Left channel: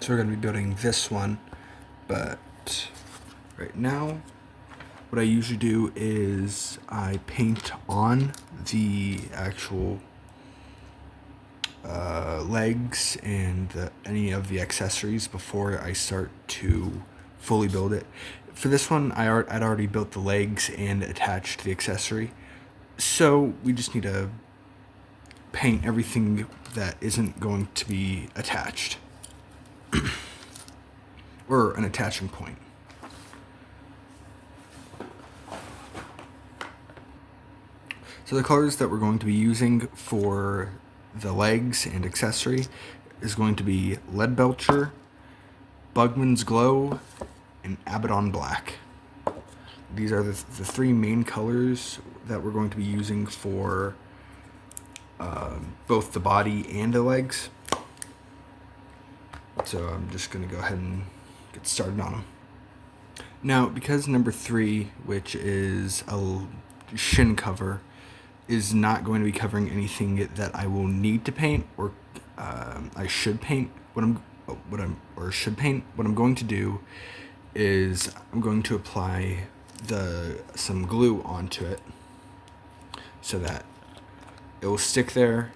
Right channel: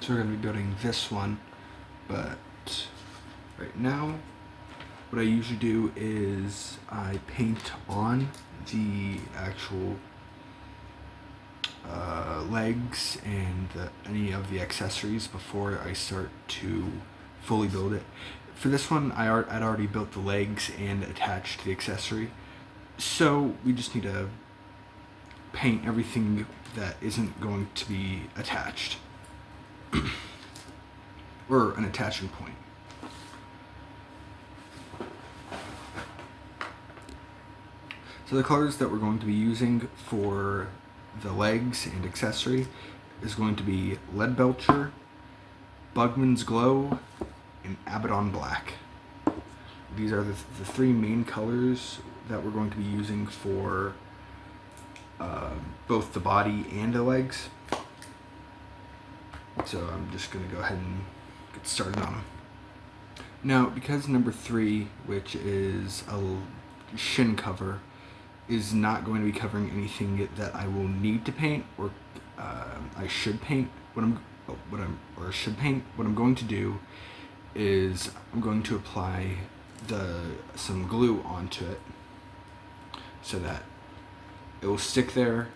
So we're going to be building this one, but right now what I usually do is I paint on the actual legs and any of the accessories before I start to fully build it. For this one, I'd already built the legs and attached the accessory, so we just need to paint everything that isn't going to be attached or an attaching point. So the colors that we're going to be using for the legs and accessory is going to be Leadbelcher, Bugman's Glow, and Abaddon Black. These are the three main colors that we're going to be using for both the body and the legs. So I'm just going to go ahead and get started on them. Now, because number 3, which is a shin cover, is not going to be covering anything that I will need to paint or I should paint, what I'm going to do is I'm going to apply some glue onto it so that it will stick there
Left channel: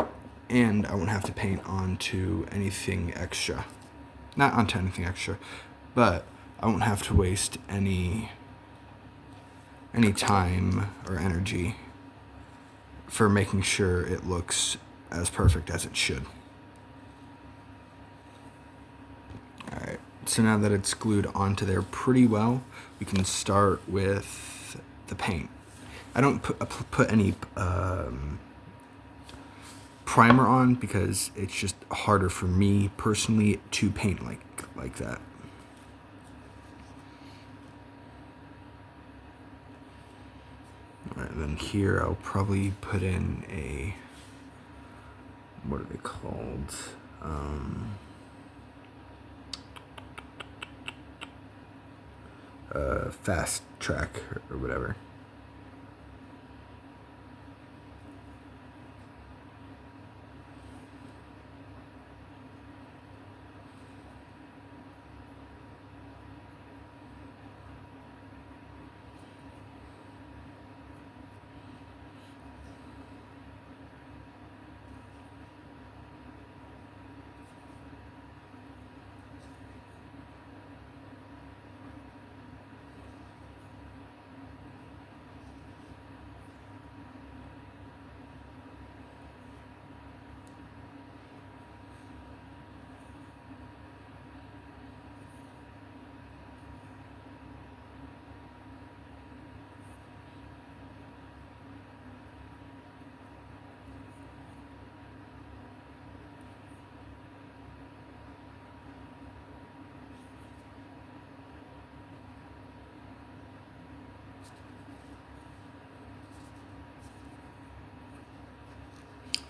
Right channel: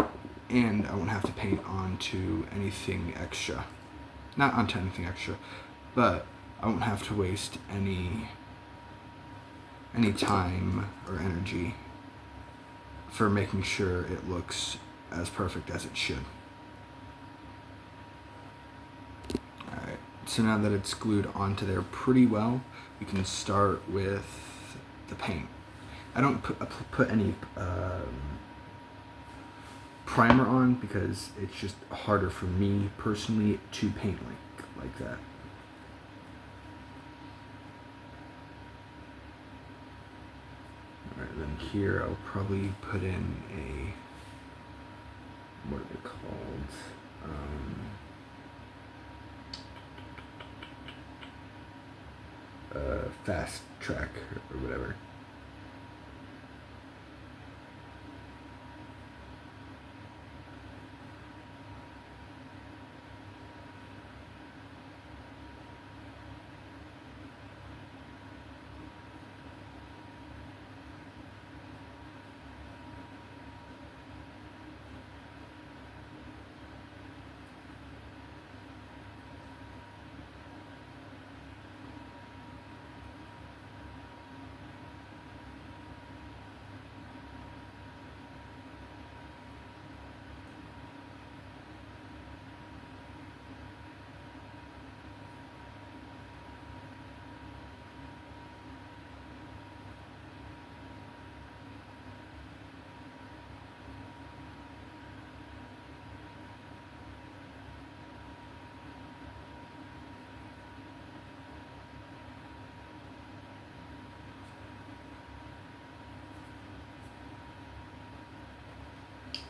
and I won't have to paint onto anything extra. Not onto anything extra, but I won't have to waste any time or energy for making sure it looks as perfect as it should. Alright, so now that it's glued onto there pretty well, we can start with the paint. I don't put any primer on because it's just harder for me personally to paint like that. Alright, then here I'll probably put in a, what are they called? Fast track or whatever.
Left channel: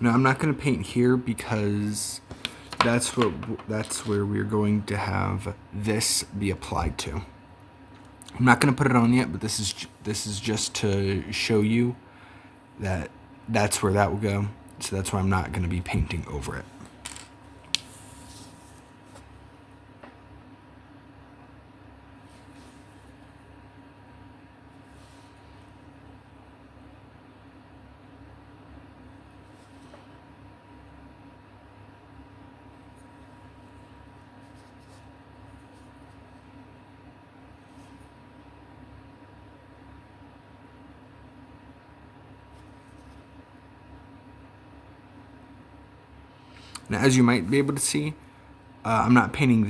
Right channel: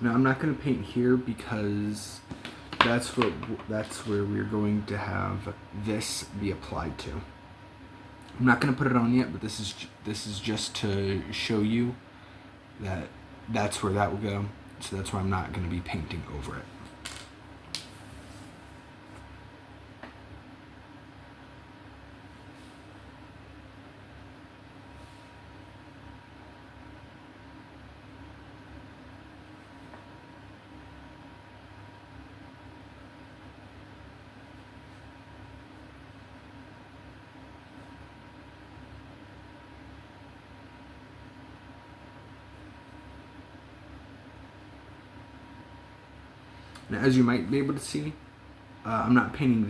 Now I'm not going to paint here because that's where we're going to have this be applied to. I'm not going to put it on yet, but this is just to show you that that's where that will go. So that's why I'm not going to be painting over it. Now, as you might be able to see, I'm not painting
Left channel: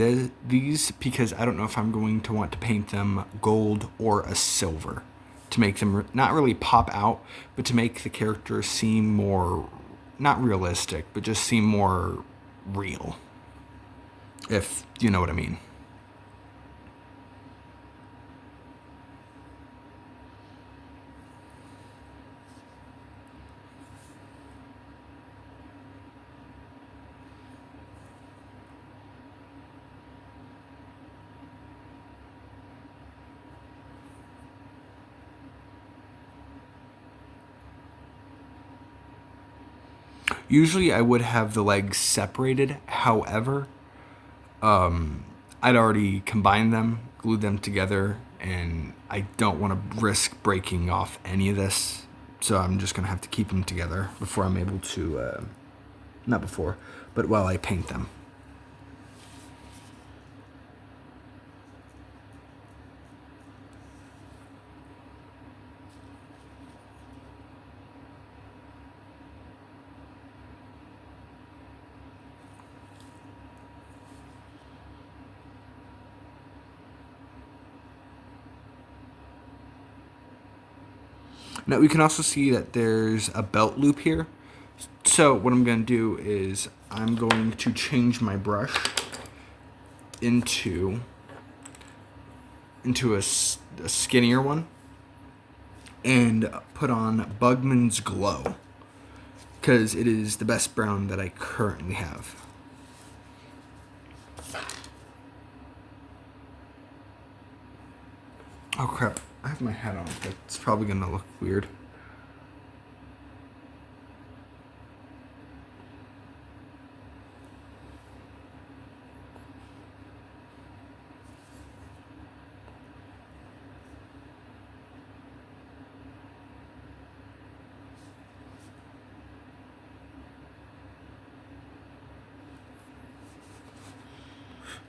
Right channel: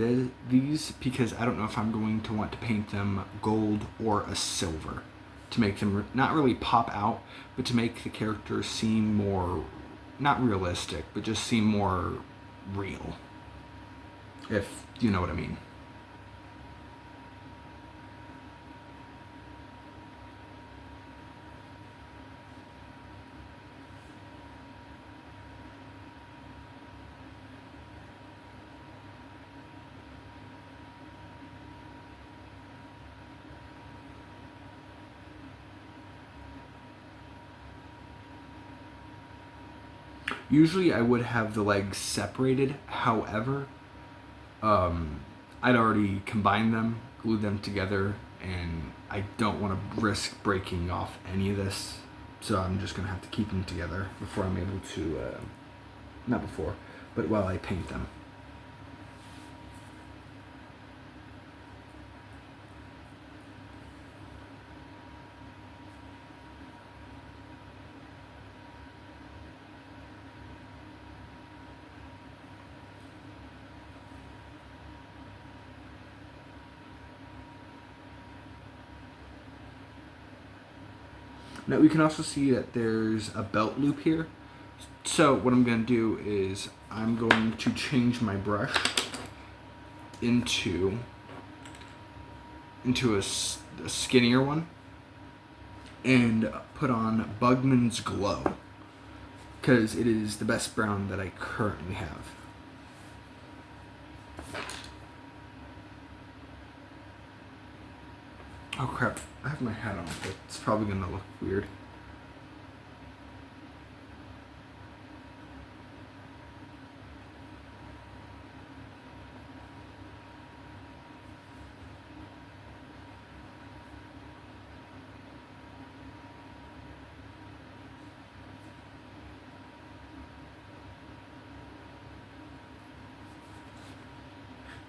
these because I don't know if I'm going to want to paint them gold or a silver to make them not really pop out, but to make the character seem more, not realistic, but just seem more real, if you know what I mean. Usually I would have the legs separated. However, I'd already combined them, glued them together, and I don't want to risk breaking off any of this. So I'm just going to have to keep them together before I'm able to, not before, but while I paint them. Now we can also see that there's a belt loop here. So what I'm going to do is I'm going to change my brush into a skinnier one and put on Bugman's Glow because it is the best brown that I currently have. Oh crap, I have my hat on, but it's probably gonna look weird.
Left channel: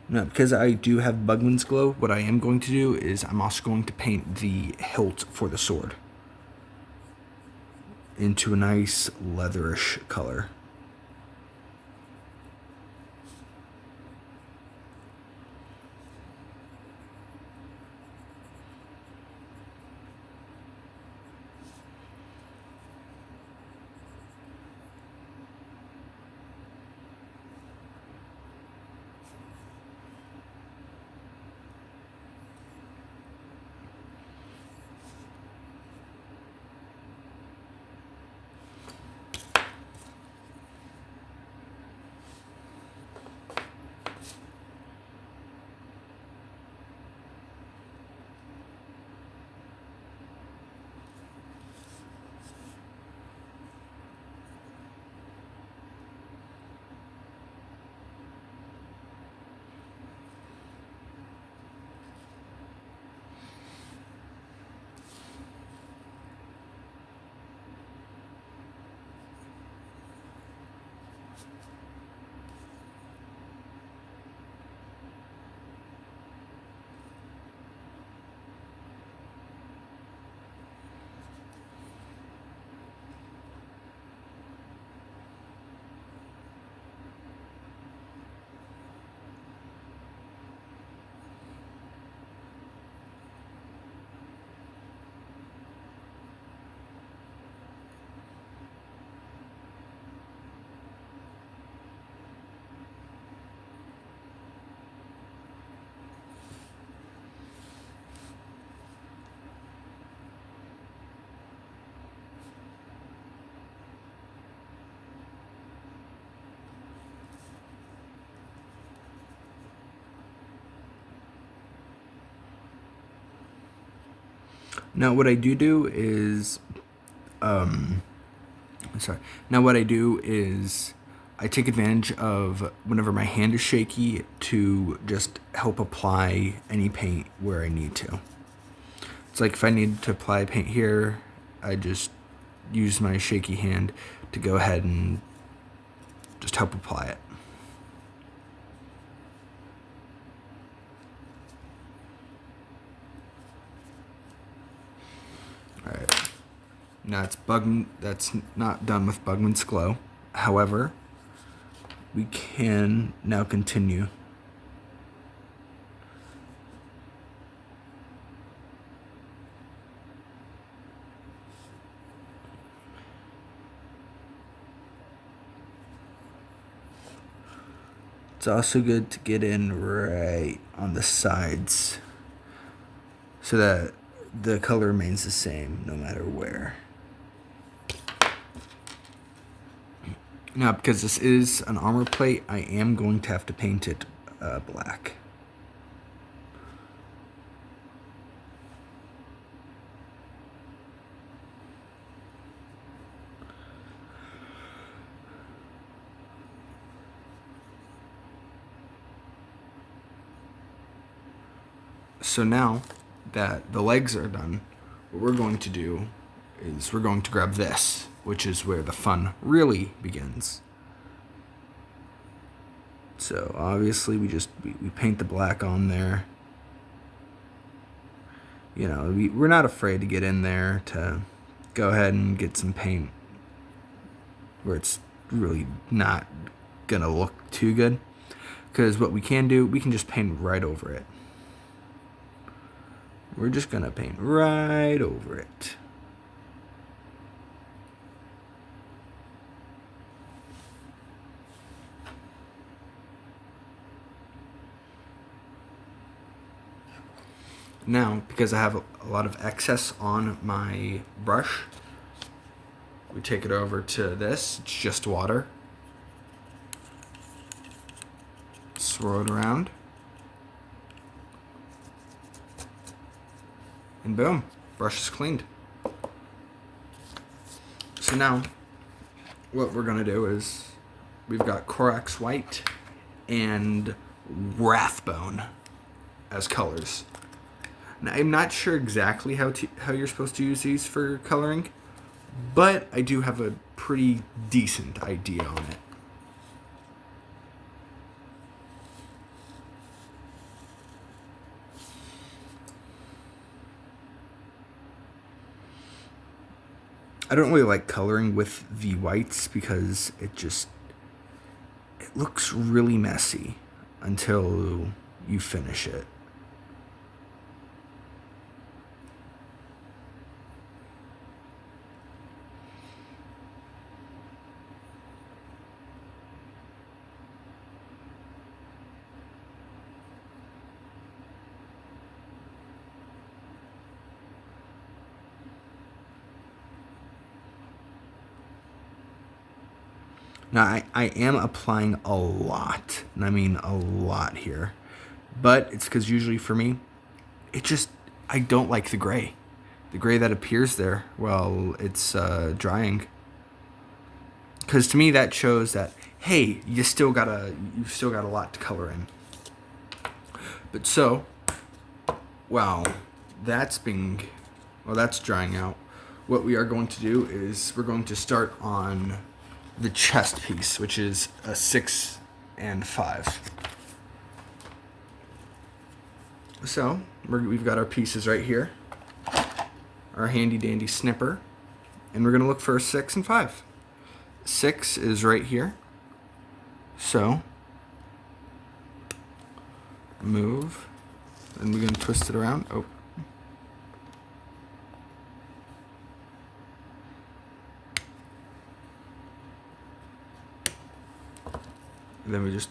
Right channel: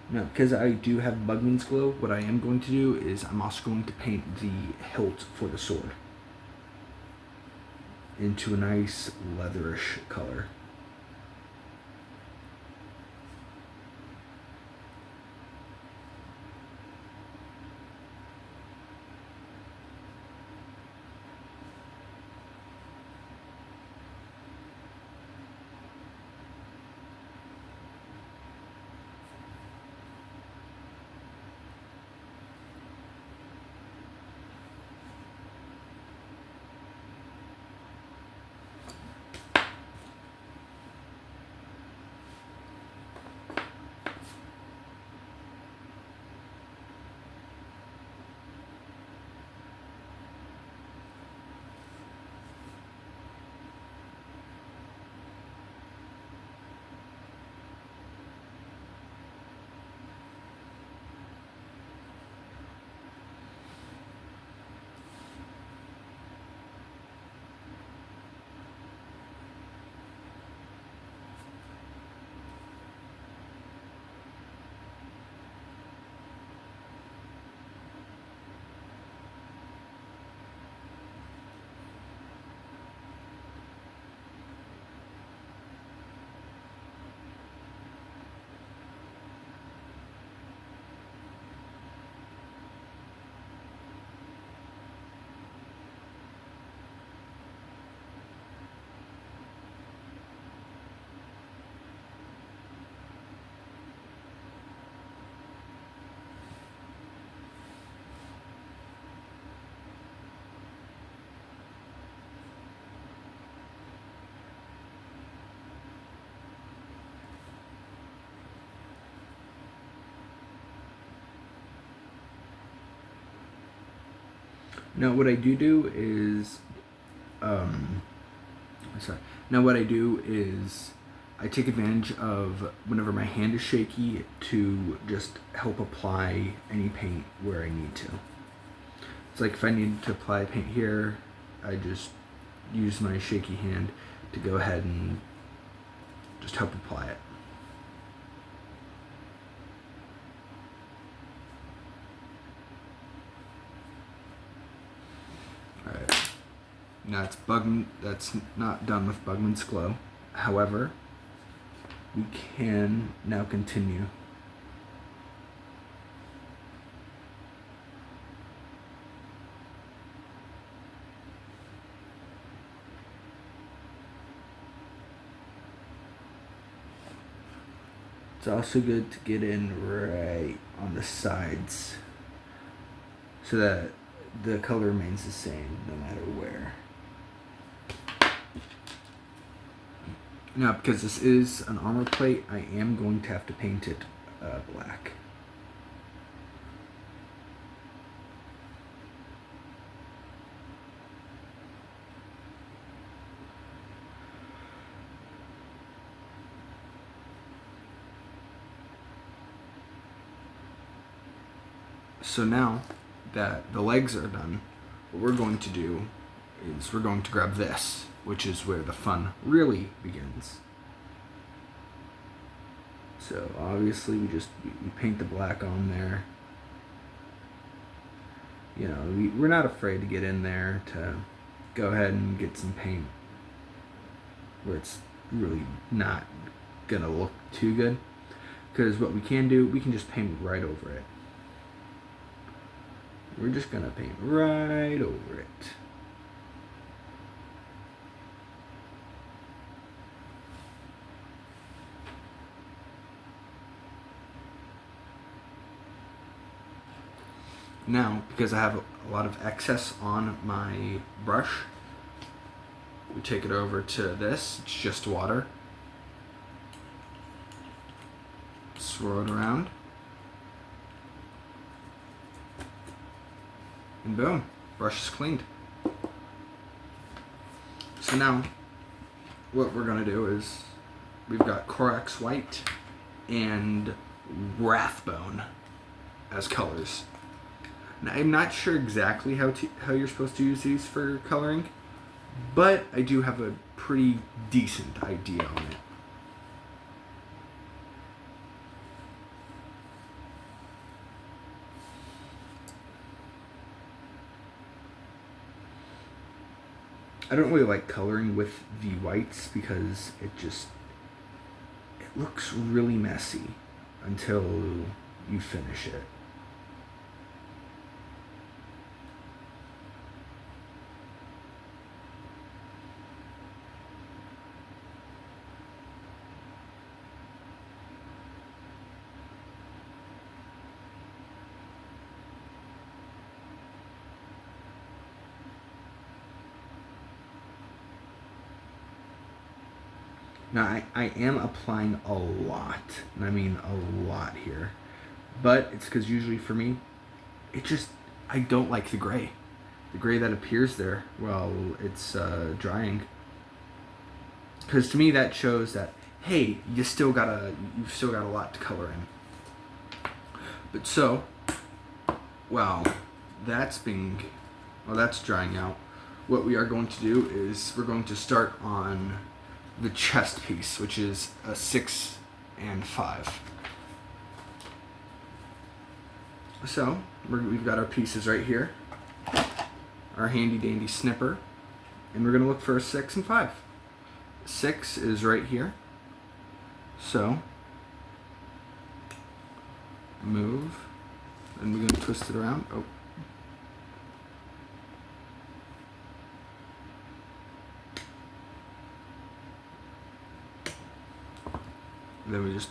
Now, because I do have Bugman's Glow, what I am going to do is I'm also going to paint the hilt for the sword into a nice leatherish color. Now what I do is, sorry. Now what I do is I take advantage of whenever my hand is shaky to just help apply any paint where I need to. It's like if I need to apply paint here, I just use my shaky hand to go ahead and just help apply it. Alright. Now that's not done with Bugman's Glow. However, we can now continue. It's also good to get in right on the sides so that the color remains the same no matter where. Now, because this is an armor plate, I am going to have to paint it black. So now that the legs are done, what we're going to do is we're going to grab this, which is where the fun really begins. So obviously we paint the black on there. You know, we're not afraid to get in there to go ahead and get some paint where it's really not gonna look too good. Because what we can do, we can just paint right over it. We're just gonna paint right over it. Now, because I have a lot of excess on my brush, we take it over to this. It's just water. Swirl it around. And boom, brush is cleaned. So now, what we're gonna do is, we've got Corax White and Wrathbone as colors. Now, I'm not sure exactly how you're supposed to use these for coloring, but I do have a pretty decent idea on it. I don't really like coloring with the whites because it looks really messy until you finish it. Now, I am applying a lot, and I mean a lot here, but it's because usually for me, I don't like the gray. The gray that appears there while it's drying. Because to me that shows that, hey, you've still got a lot to color in. But so, while that's drying out, what we are going to do is we're going to start on the chest piece, which is a 6 and 5. So we've got our pieces right here, our handy dandy snipper, and we're gonna look for a 6 and 5. 6 is right here, so move, and we're gonna twist it around. Oh. And then we just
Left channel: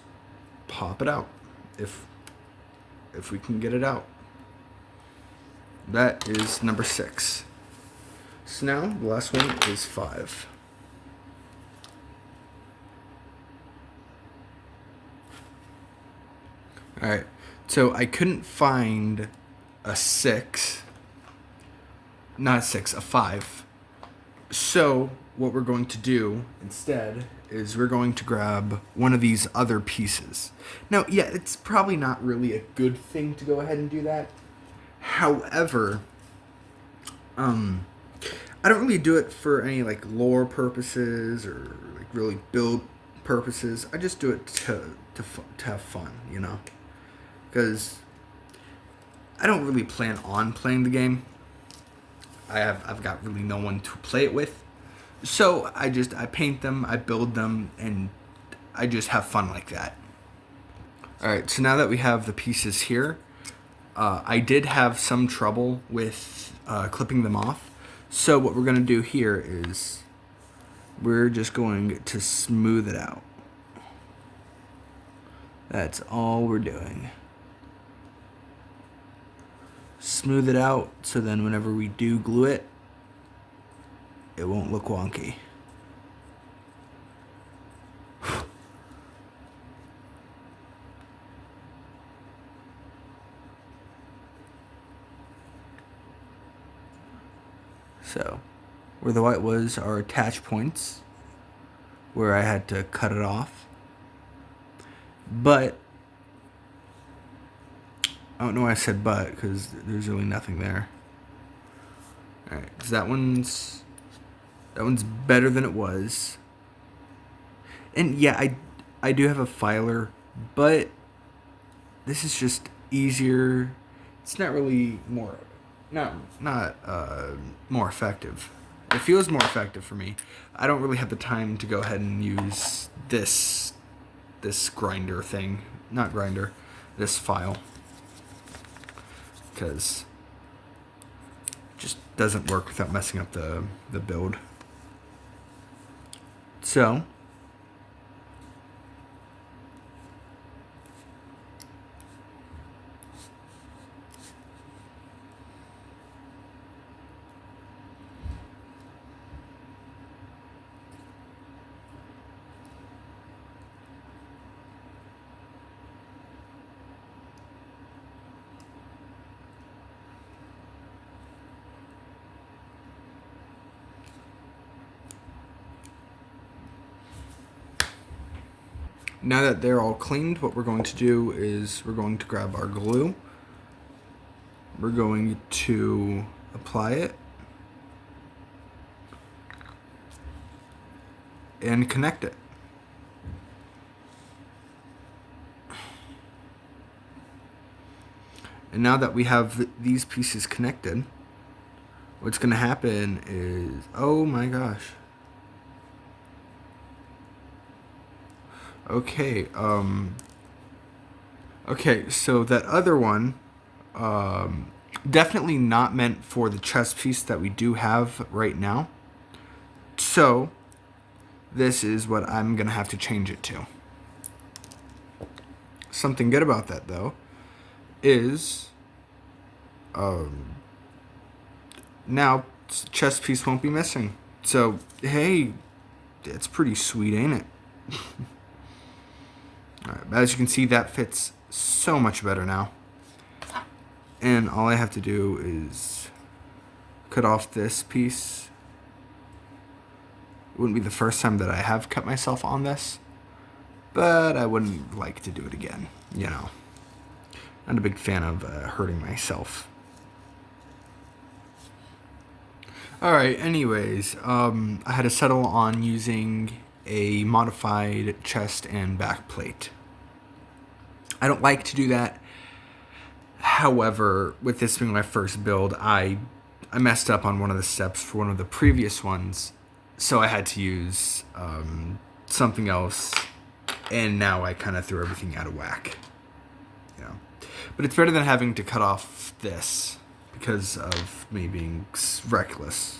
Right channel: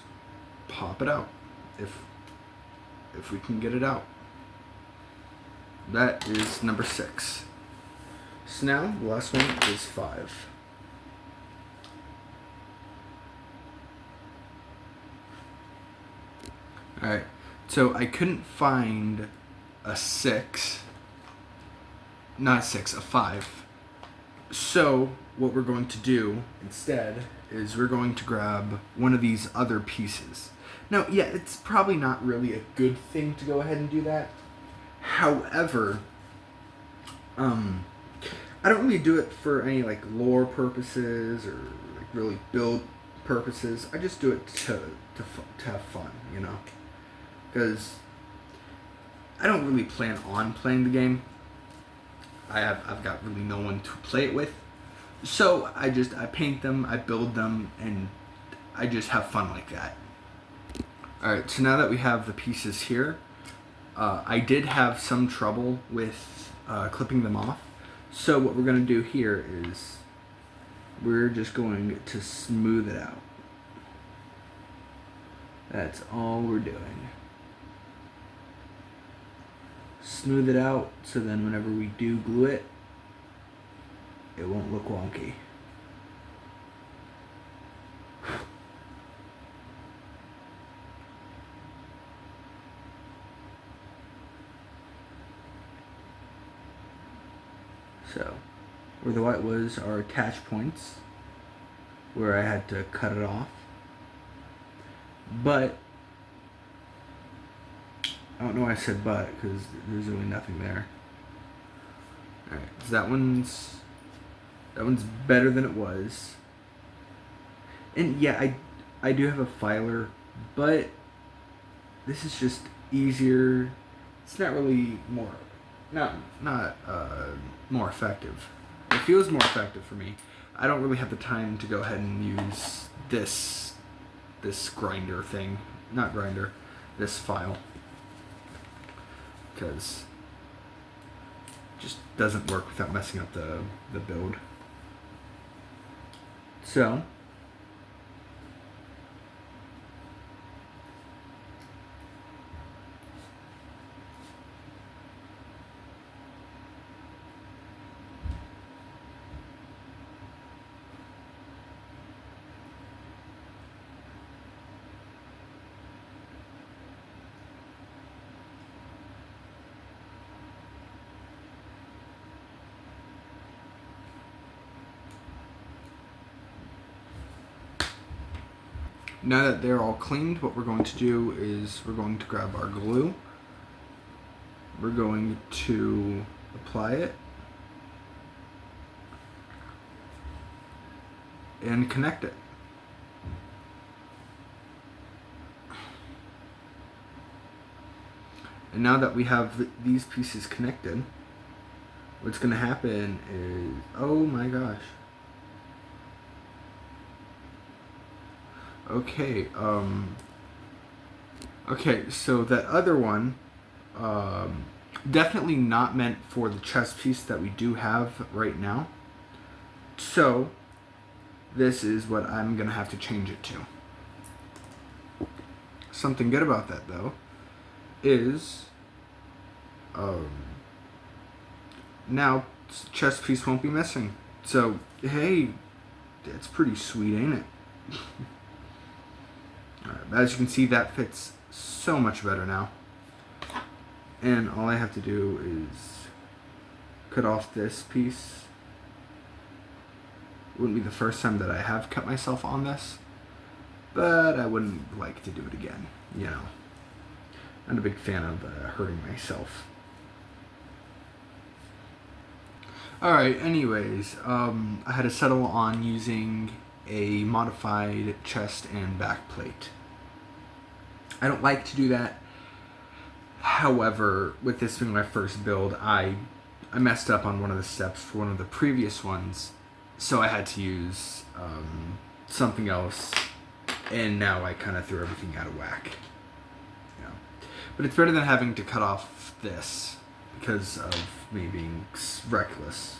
pop it out, if we can get it out. That is number 6. So now the last one is 5. All right, so I couldn't find a 6, not a 6, a 5. So what we're going to do instead is we're going to grab one of these other pieces. Now, yeah, it's probably not really a good thing to go ahead and do that. However, I don't really do it for any like lore purposes or like really build purposes. I just do it to have fun, you know, because I don't really plan on playing the game. I've got really no one to play it with. So I paint them, I build them, and I just have fun like that. Alright, so now that we have the pieces here, I did have some trouble with clipping them off. So what we're going to do here is we're just going to smooth it out. That's all we're doing. Smooth it out so then whenever we do glue it, it won't look wonky. So, where the white was are attach points, where I had to cut it off. But, don't know why I said but, because there's really nothing there. Alright, so that one's better than it was. And yeah, I do have a filer, but this is just easier. It's not really not more effective. It feels more effective for me. I don't really have the time to go ahead and use this grinder thing, not grinder, this file, because it just doesn't work without messing up the build. So now that they're all cleaned, what we're going to do is we're going to grab our glue. We're going to apply it and connect it. And now that we have these pieces connected, what's going to happen is, oh my gosh. Okay, so that other one, definitely not meant for the chest piece that we do have right now. So, this is what I'm going to have to change it to. Something good about that, though, is, now chest piece won't be missing. So, hey, that's pretty sweet, ain't it? Alright, as you can see, that fits so much better now. And all I have to do is cut off this piece. It wouldn't be the first time that I have cut myself on this, but I wouldn't like to do it again, you know. I'm a big fan of hurting myself. Alright, anyways, I had to settle on using a modified chest and back plate. I don't like to do that. However, with this being my first build, I messed up on one of the steps for one of the previous ones, so I had to use something else, and now I kind of threw everything out of whack. You know. But it's better than having to cut off this because of me being reckless.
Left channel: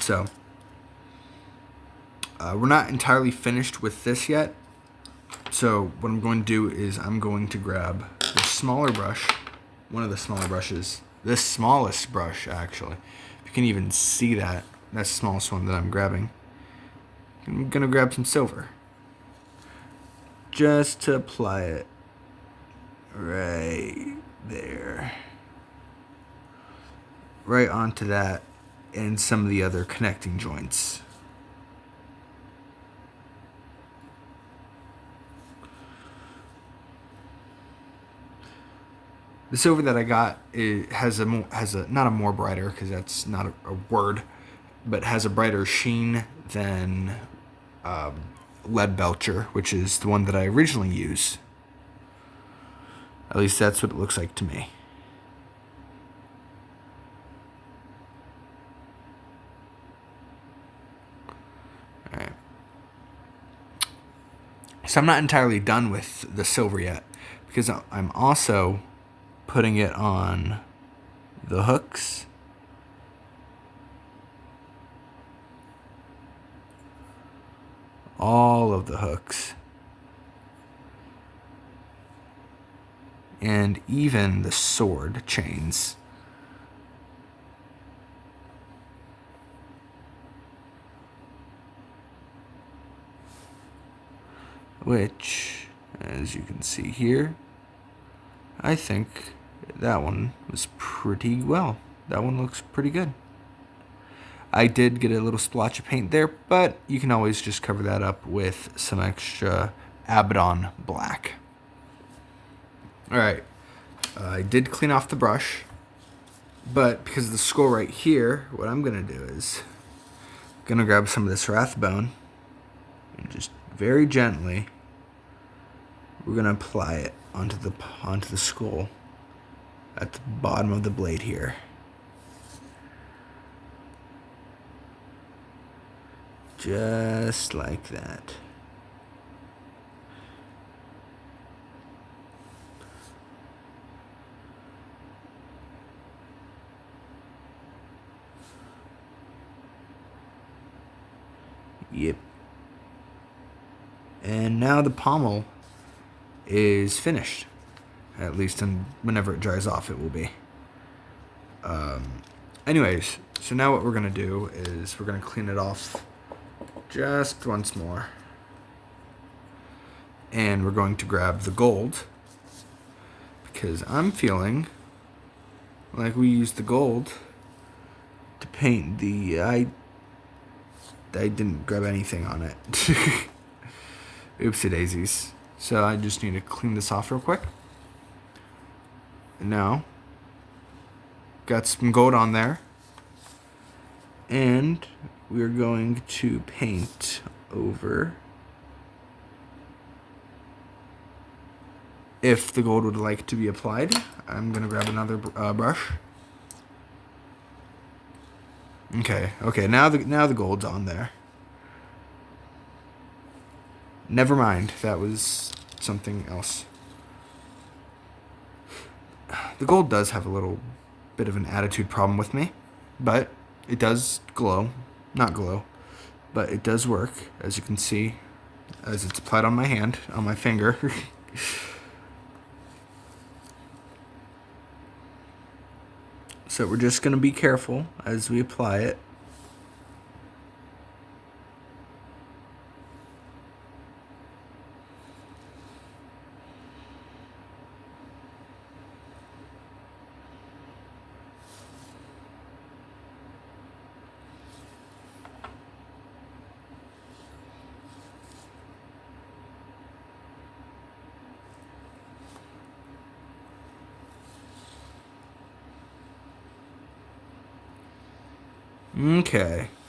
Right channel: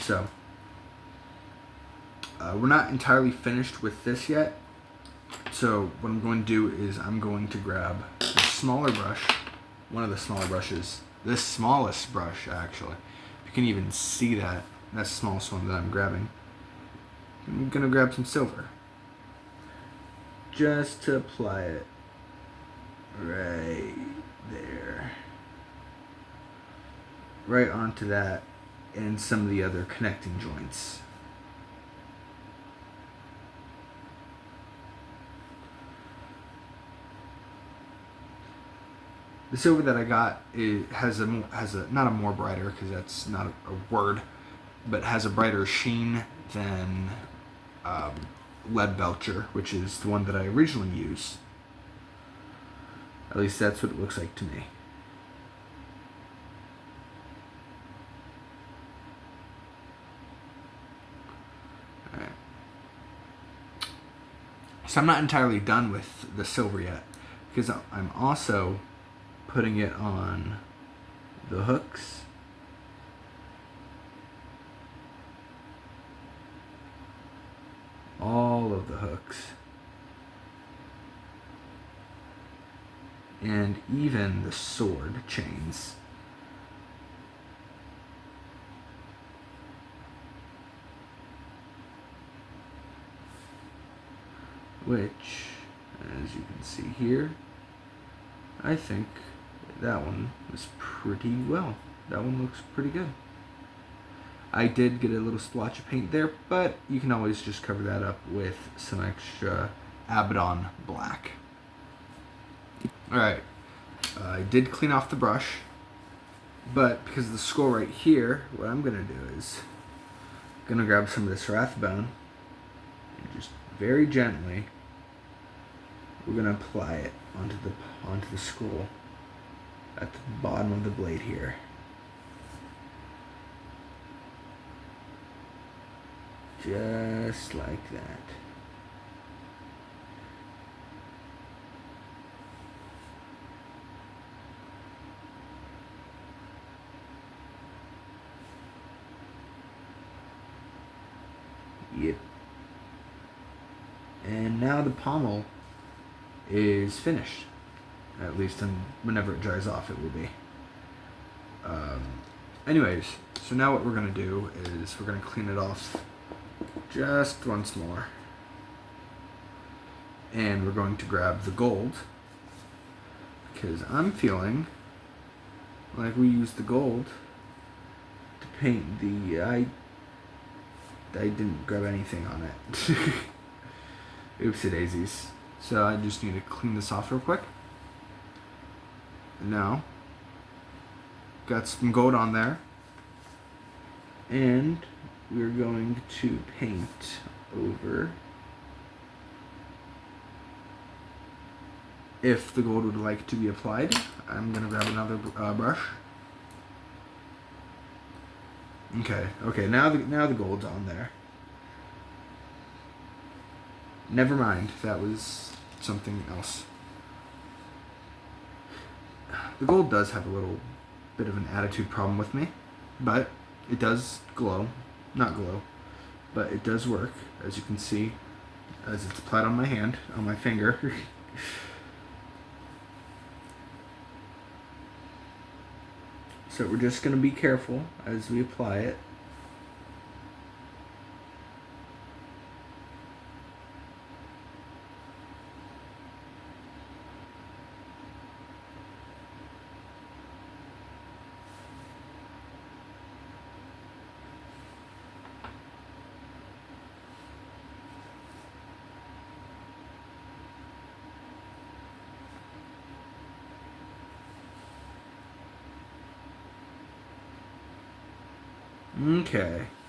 So, we're not entirely finished with this yet. So what I'm going to do is I'm going to grab the smaller brush, one of the smaller brushes, the smallest brush actually. If you can even see that, that's the smallest one that I'm grabbing. I'm going to grab some silver. Just to apply it right there. Right onto that and some of the other connecting joints. The silver that I got, it has a not a more brighter, because that's not a word, but has a brighter sheen than lead belcher, which is the one that I originally used. At least that's what it looks like to me. Alright. So I'm not entirely done with the silver yet, because I'm also putting it on the hooks. All of the hooks. And even the sword chains. Which, as you can see here, I think that one was pretty well. That one looks pretty good. I did get a little splotch of paint there, but you can always just cover that up with some extra Abaddon black. Alright, I did clean off the brush, but because of the skull right here, what I'm going to do is I'm going to grab some of this rathbone and just very gently we're going to apply it onto the skull at the bottom of the blade here. Just like that. Yep. And now the pommel is finished. At least whenever it dries off, it will be. Anyways, so now what we're going to do is we're going to clean it off just once more. And we're going to grab the gold, because I'm feeling like we used the gold to paint the... I didn't grab anything on it. Oopsie daisies. So I just need to clean this off real quick. And now, got some gold on there. And we're going to paint over. If the gold would like to be applied, I'm going to grab another brush. Okay, now the gold's on there. Never mind, that was something else. The gold does have a little bit of an attitude problem with me, but it does glow. Not glow, but it does work, as you can see, as it's applied on my hand, on my finger. So we're just going to be careful as we apply it.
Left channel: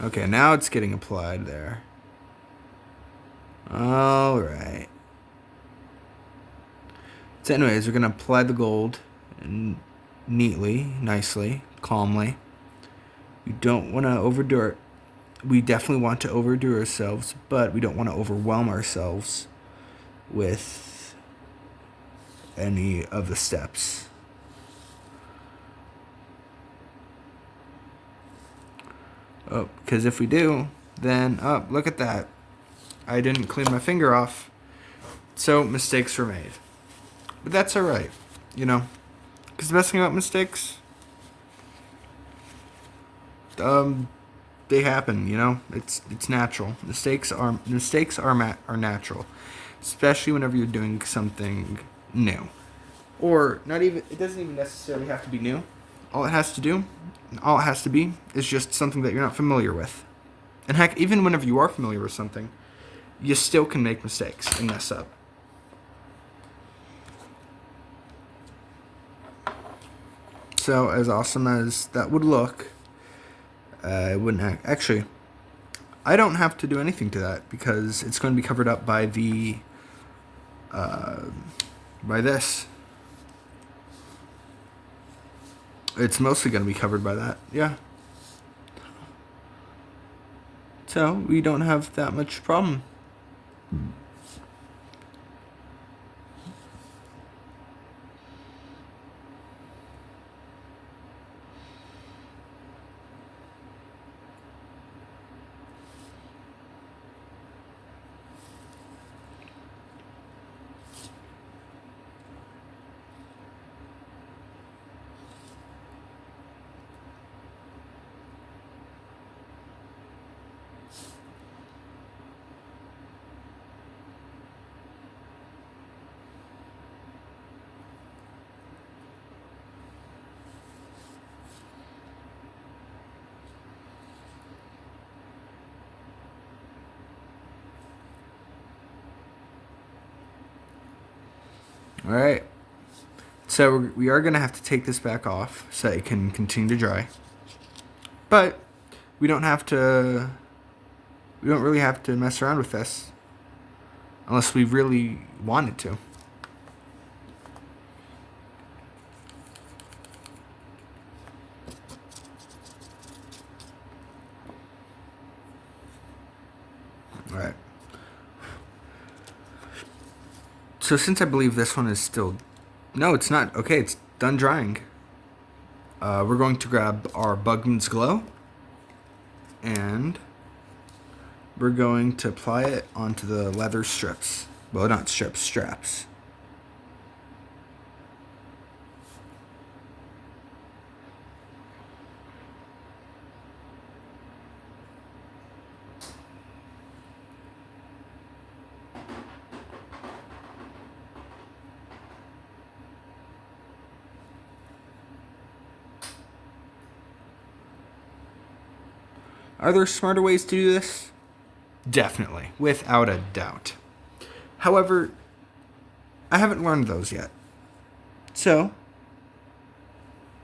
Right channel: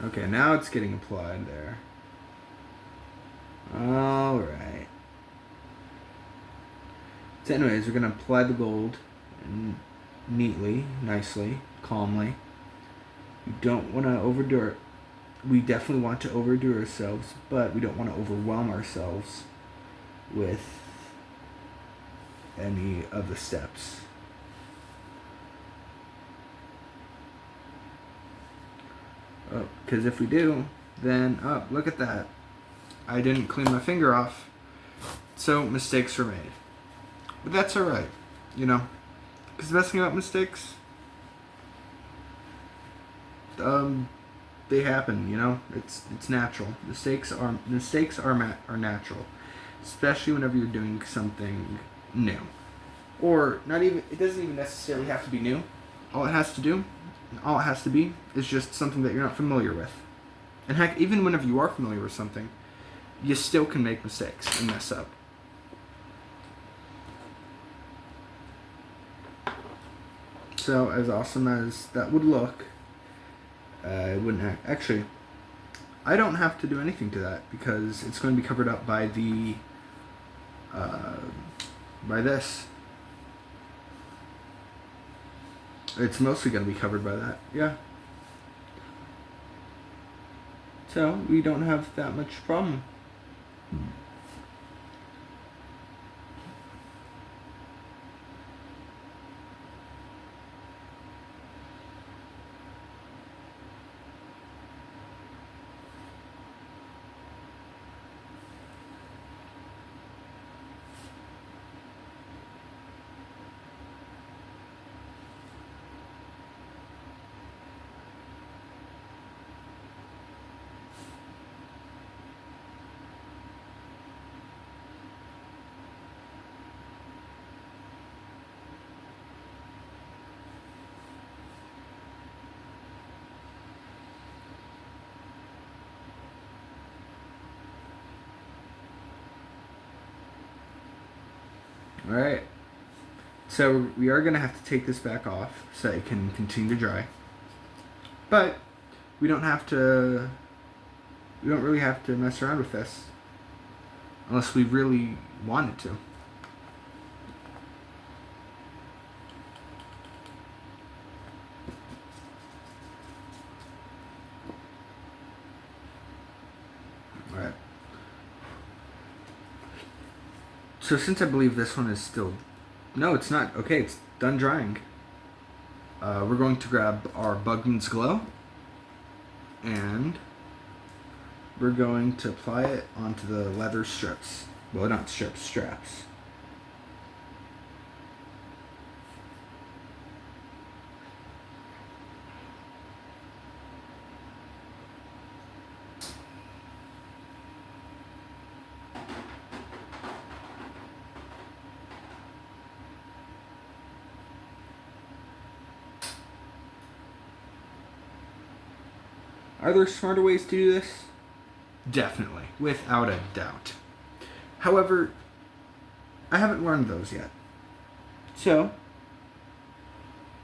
Okay, now it's getting applied there. Alright. So anyways, we're going to apply the gold and neatly, nicely, calmly. We don't want to overdo it. We definitely want to overdo ourselves, but we don't want to overwhelm ourselves with any of the steps. Oh, because if we do, then, oh, look at that. I didn't clean my finger off, so mistakes were made. But that's alright, you know, because the best thing about mistakes, they happen, you know, it's natural. Mistakes are natural, especially whenever you're doing something new. Or not even, it doesn't even necessarily have to be new. All it has to be is just something that you're not familiar with. And heck, even whenever you are familiar with something, you still can make mistakes and mess up. So, as awesome as that would look, it wouldn't actually. I don't have to do anything to that because it's going to be covered up by the by this. It's mostly going to be covered by that, yeah. So we don't have that much problem. All right. So we are going to have to take this back off so it can continue to dry. But we don't really have to mess around with this unless we really wanted to. All right. So since I believe this one is still... No, it's not. Okay, it's done drying. We're going to grab our Bugman's Glow and we're going to apply it onto the leather strips. Well, not strips, straps. Are there smarter ways to do this? Definitely, without a doubt. However, I haven't learned those yet. So,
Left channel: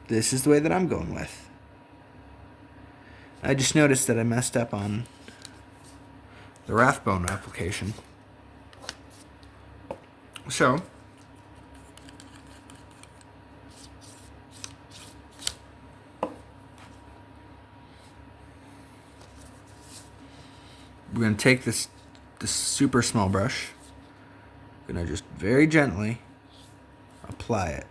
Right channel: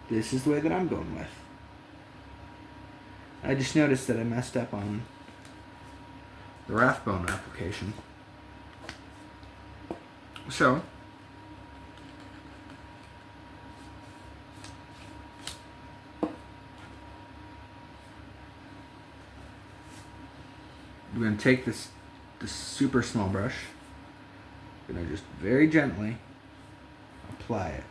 this is the way that I'm going with. I just noticed that I messed up on the Rathbone application. So, we're going to take this super small brush. We're going to just very gently apply it.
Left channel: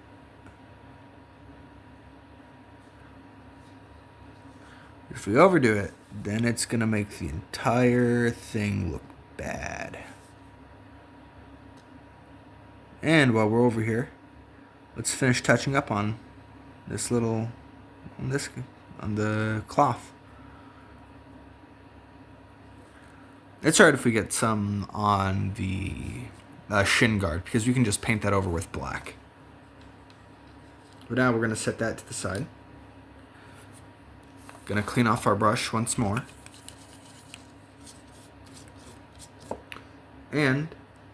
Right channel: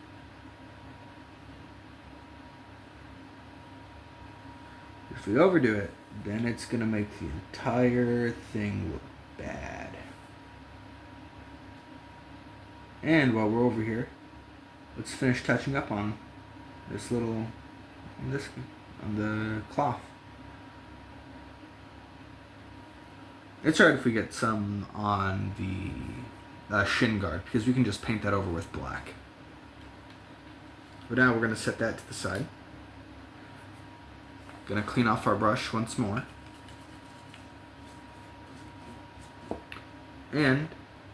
If we overdo it, then it's going to make the entire thing look bad. And while we're over here, let's finish touching up on this on the cloth. It's alright if we get some on the shin guard, because we can just paint that over with black. But now we're going to set that to the side. Going to clean off our brush once more. And,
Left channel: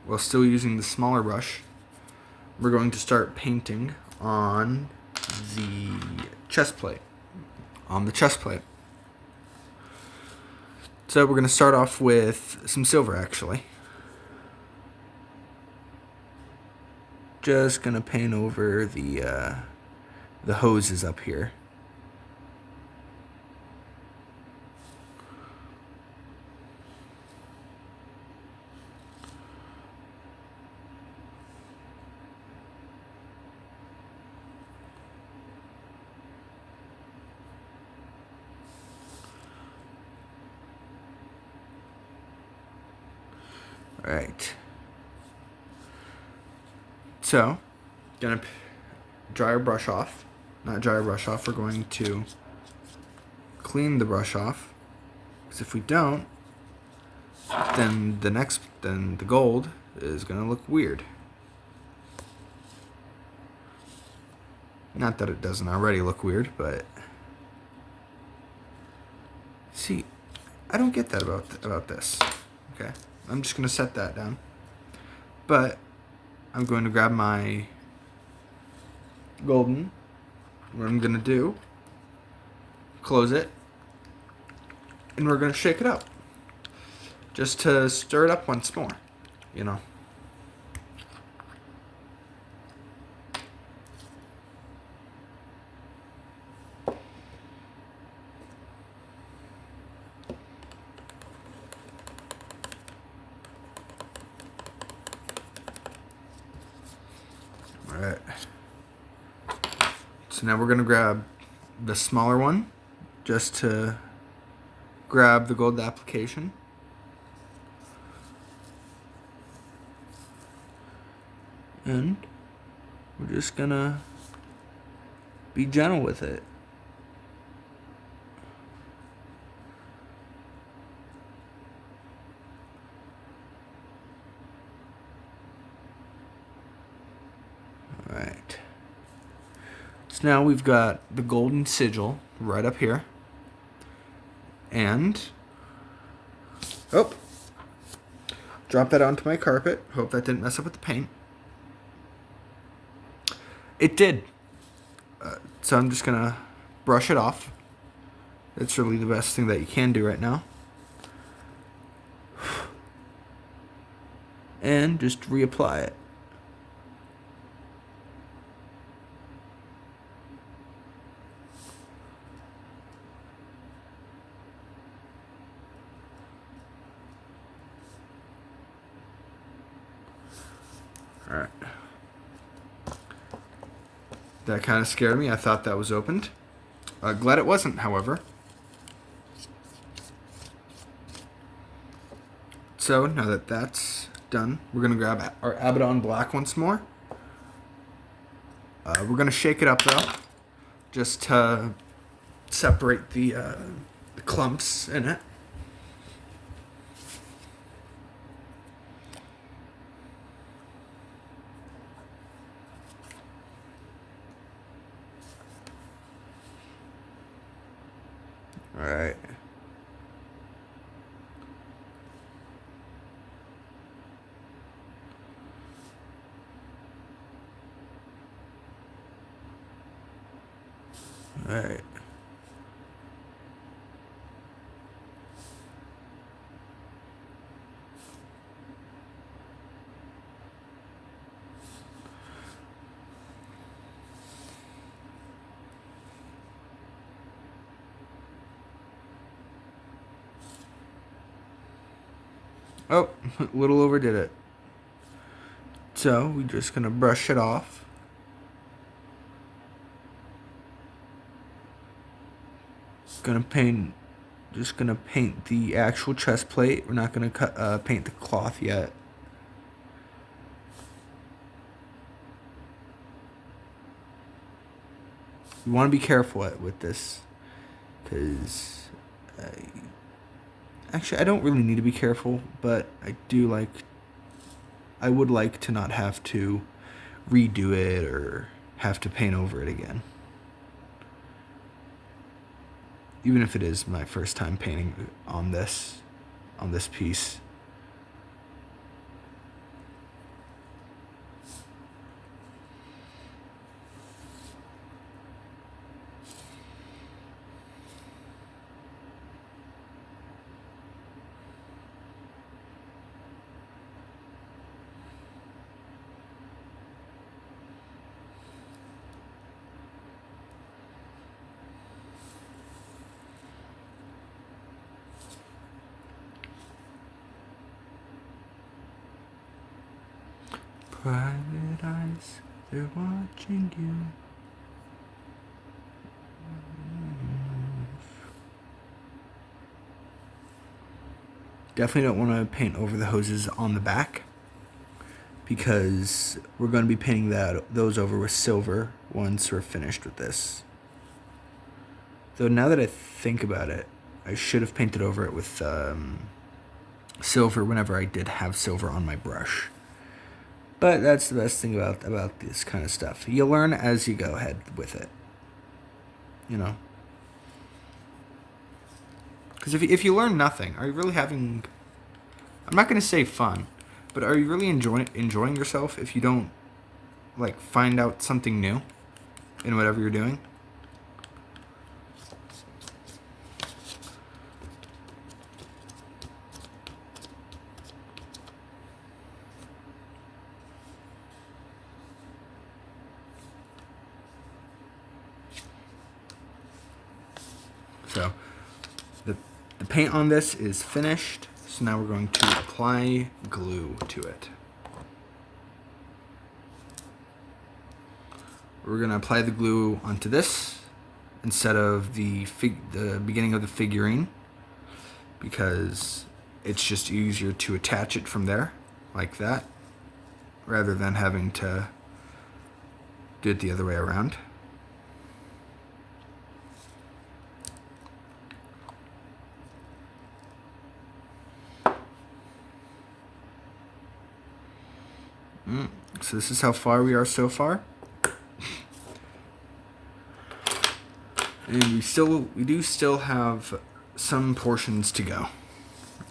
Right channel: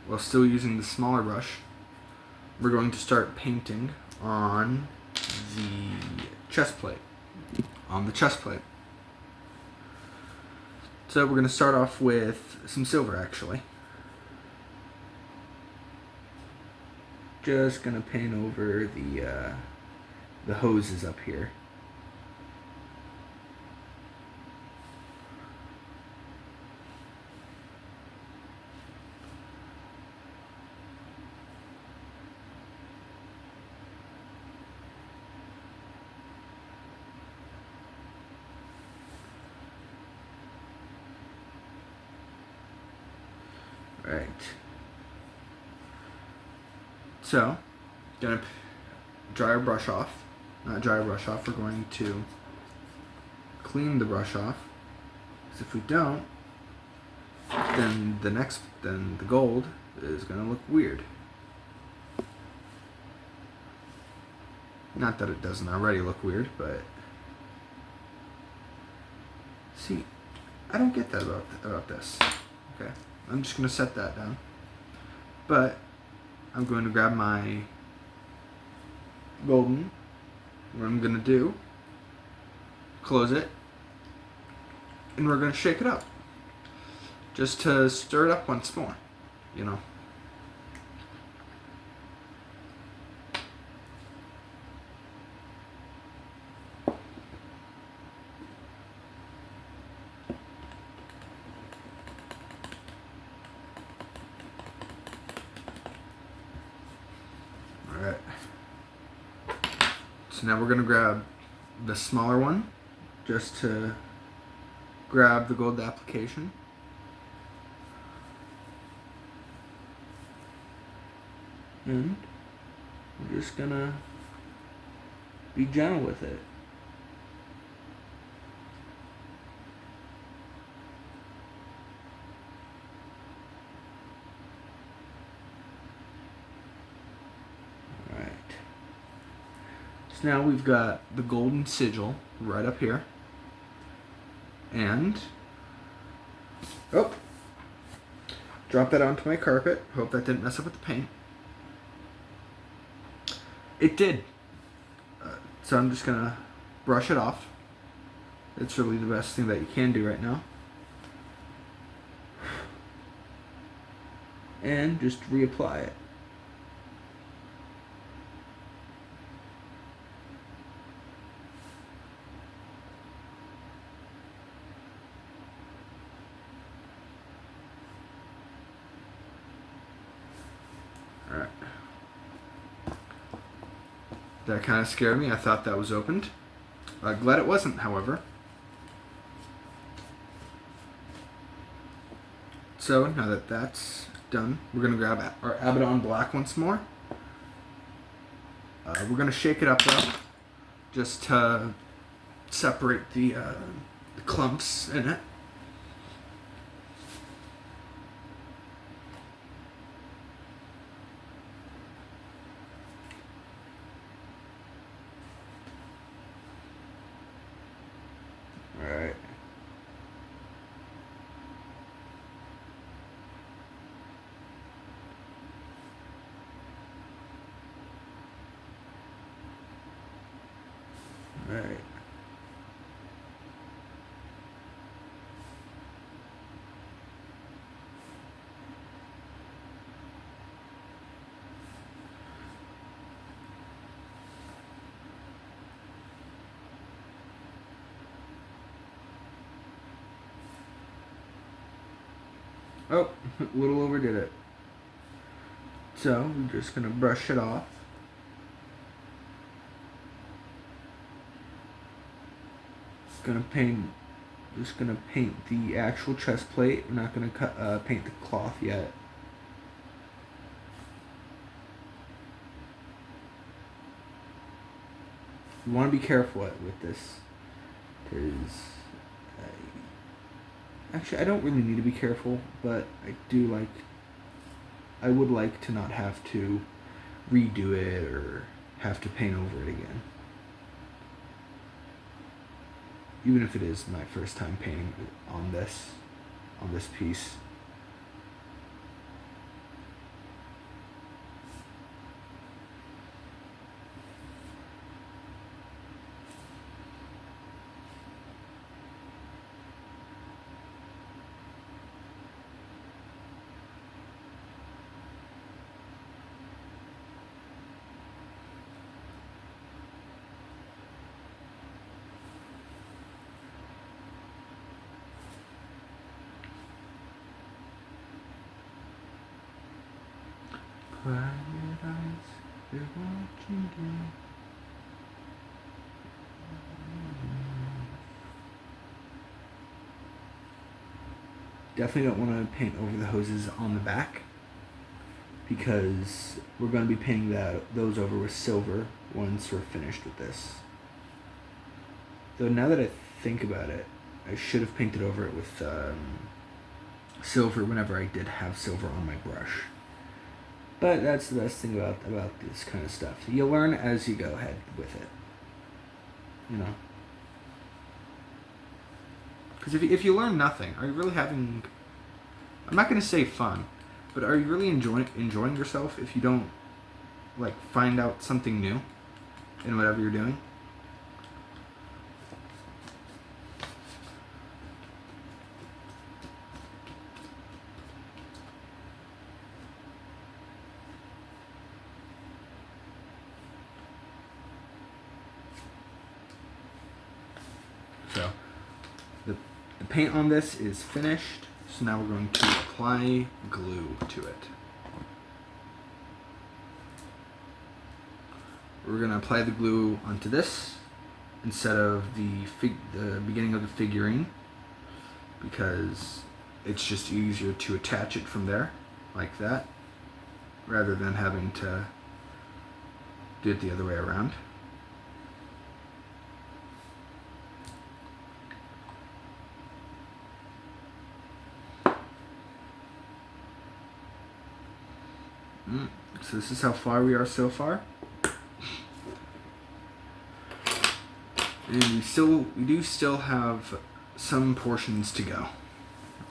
while still using the smaller brush, we're going to start painting on the chest plate. So we're going to start off with some silver, actually. Just going to paint over the hoses up here. Right. So, gonna dry our brush off. Not dry our brush off. We're going to clean the brush off. Because if we don't, then the gold is gonna look weird. Not that it doesn't already look weird, but see, I don't get that about this. Okay. I'm just going to set that down. But I'm going to grab my golden. What I'm going to do, close it, and we're going to shake it up. Just to stir it up once more, you know. Alright. So now we're going to grab the smaller one just to grab the gold application. And we're just going to be gentle with it. So now we've got the golden sigil right up here. And, oh, drop that onto my carpet. Hope that didn't mess up with the paint. It did. So I'm just gonna brush it off. It's really the best thing that you can do right now. And just reapply it. Alright. That kind of scared me. I thought that was opened. Glad it wasn't, however. So now that that's done, we're going to grab our Abaddon Black once more. We're going to shake it up though, just to separate the clumps in it. Alright. Alright. Oh, a little overdid it. So we're just gonna brush it off. Just gonna paint the actual chest plate. We're not gonna paint the cloth yet. You want to be careful with this, because actually I don't really need to be careful, but I would like to not have to redo it or have to paint over it again. Even if it is my first time painting on this piece. Private eyes, they're watching you. Definitely don't want to paint over the hoses on the back, because we're going to be painting those over with silver once we're finished with this. Though now that I think about it, I should have painted over it with silver whenever I did have silver on my brush. But that's the best thing about this kind of stuff. You learn as you go ahead with it. You know? Because if you learn nothing, are you really having... I'm not going to say fun, but are you really enjoying yourself if you don't, find out something new in whatever you're doing? So, the paint on this is finished, so now we're going to apply glue to it. We're going to apply the glue onto this instead of the beginning of the figurine, because it's just easier to attach it from there, like that, rather than having to do it the other way around. So this is how far we are so far. And we do still have some portions to go.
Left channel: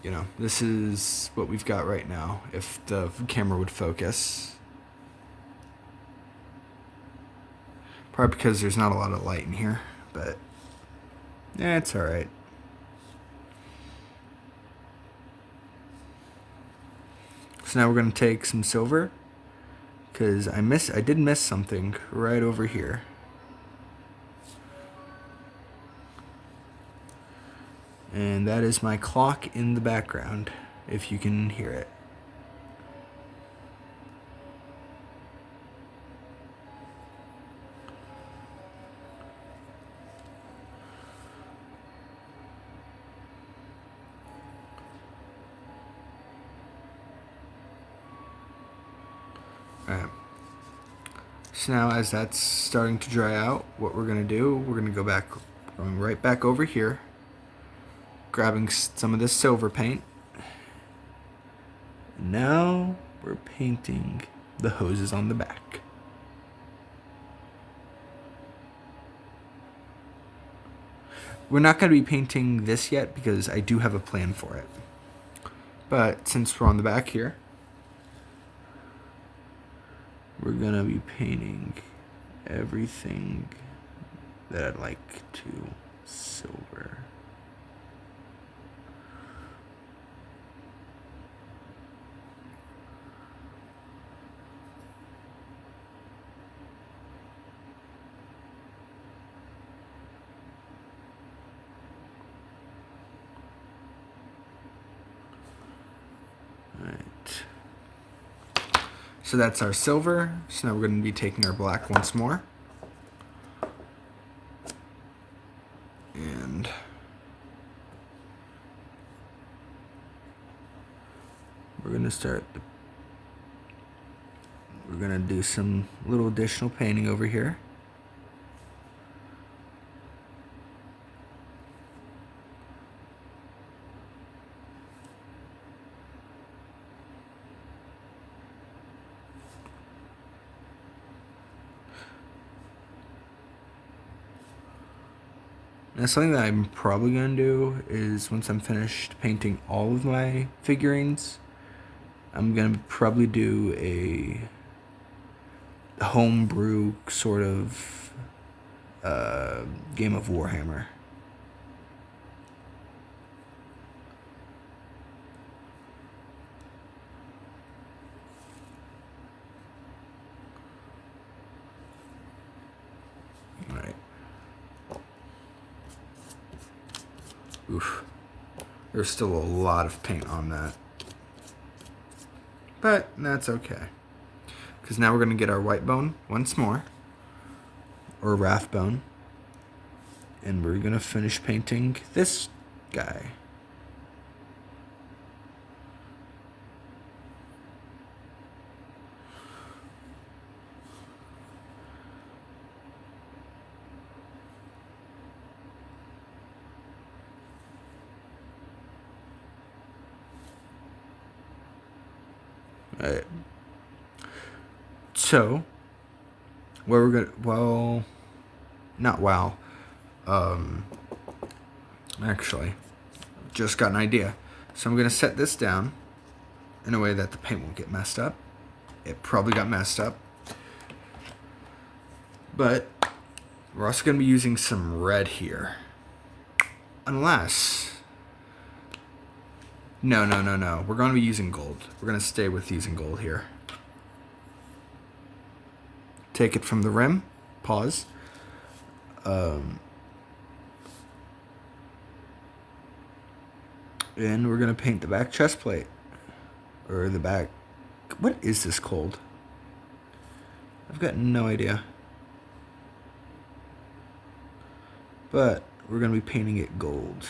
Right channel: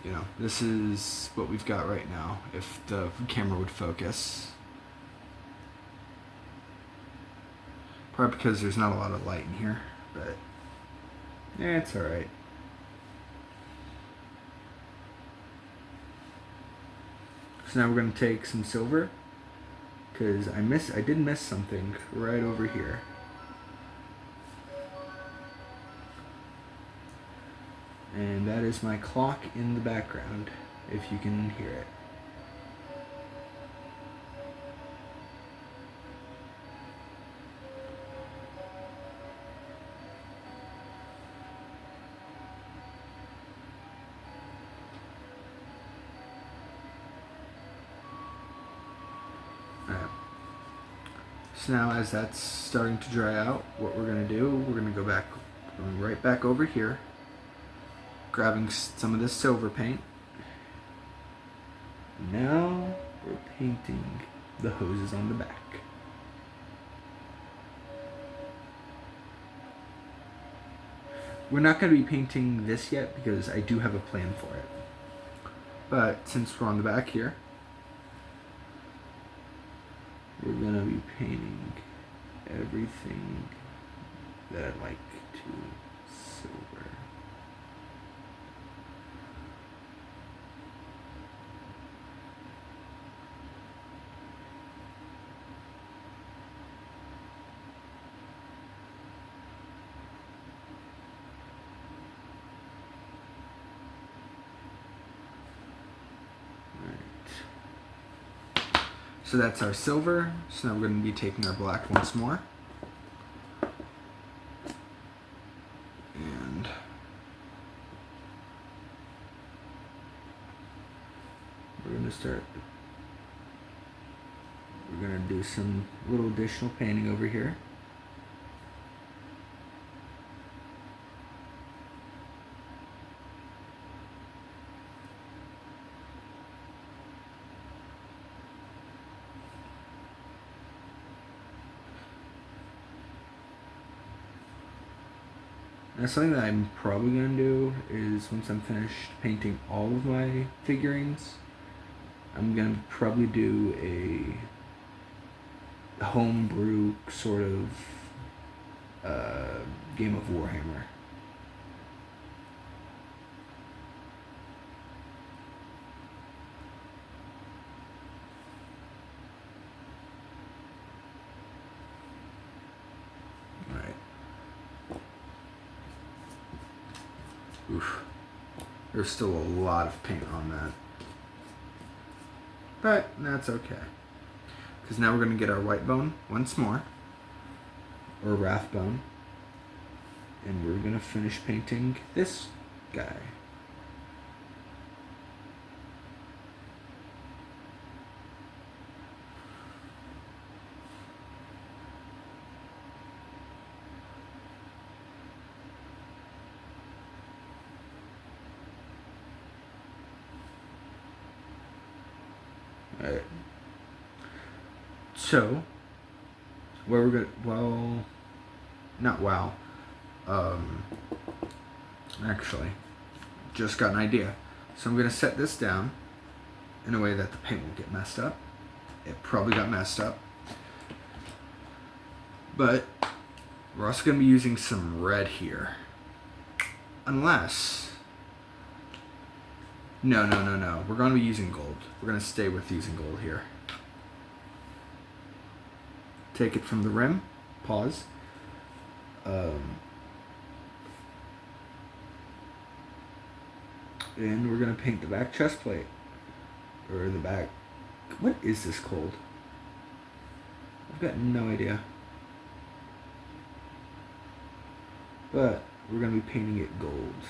You know, this is what we've got right now, if the camera would focus. Probably because there's not a lot of light in here, but yeah, it's alright. So now we're going to take some silver, because I did miss something right over here. And that is my clock in the background, if you can hear it. Alright. So now as that's starting to dry out, what we're going to do, we're going to go back, right back over here, grabbing some of this silver paint. Now we're painting the hoses on the back. We're not going to be painting this yet because I do have a plan for it. But since we're on the back here, we're going to be painting everything that I'd like to silver. So that's our silver. So now we're going to be taking our black once more. And we're going to do some little additional painting over here. Now something that I'm probably going to do is once I'm finished painting all of my figurines, I'm going to probably do a homebrew sort of game of Warhammer. Oof. There's still a lot of paint on that. But that's okay. Because now we're going to get our white bone once more. Or wrath bone. And we're going to finish painting this guy. Alright. So, what we're gonna, well, not wow. Actually, just got an idea. So I'm gonna set this down in a way that the paint won't get messed up. It probably got messed up. But we're also gonna be using some red here. Unless, no. We're going to be using gold. We're going to stay with using gold here. Take it from the rim. Pause. And we're going to paint the back chest plate. Or the back... What is this called? I've got no idea. But we're going to be painting it gold.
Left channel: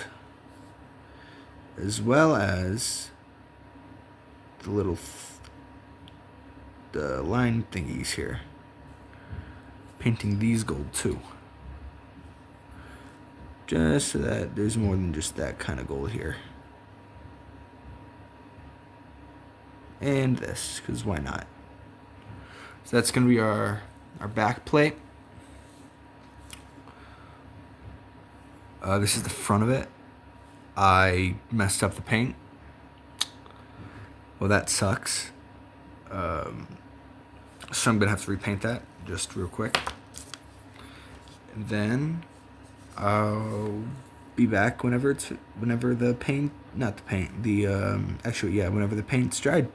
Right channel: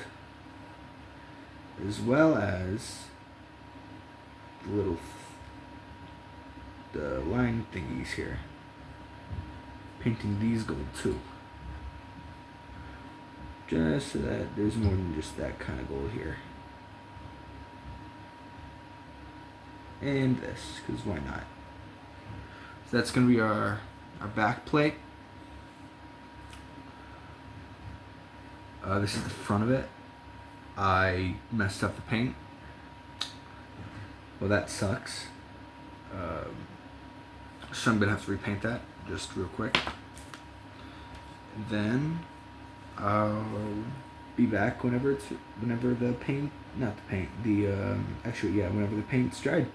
As well as the little the line thingies here. Painting these gold too. Just so that there's more than just that kind of gold here. And this, because why not? So that's going to be our back plate. This is the front of it. I messed up the paint. Well, that sucks. So I'm going to have to repaint that just real quick. then I'll be back whenever the paint, not the paint, the whenever the paint's dried.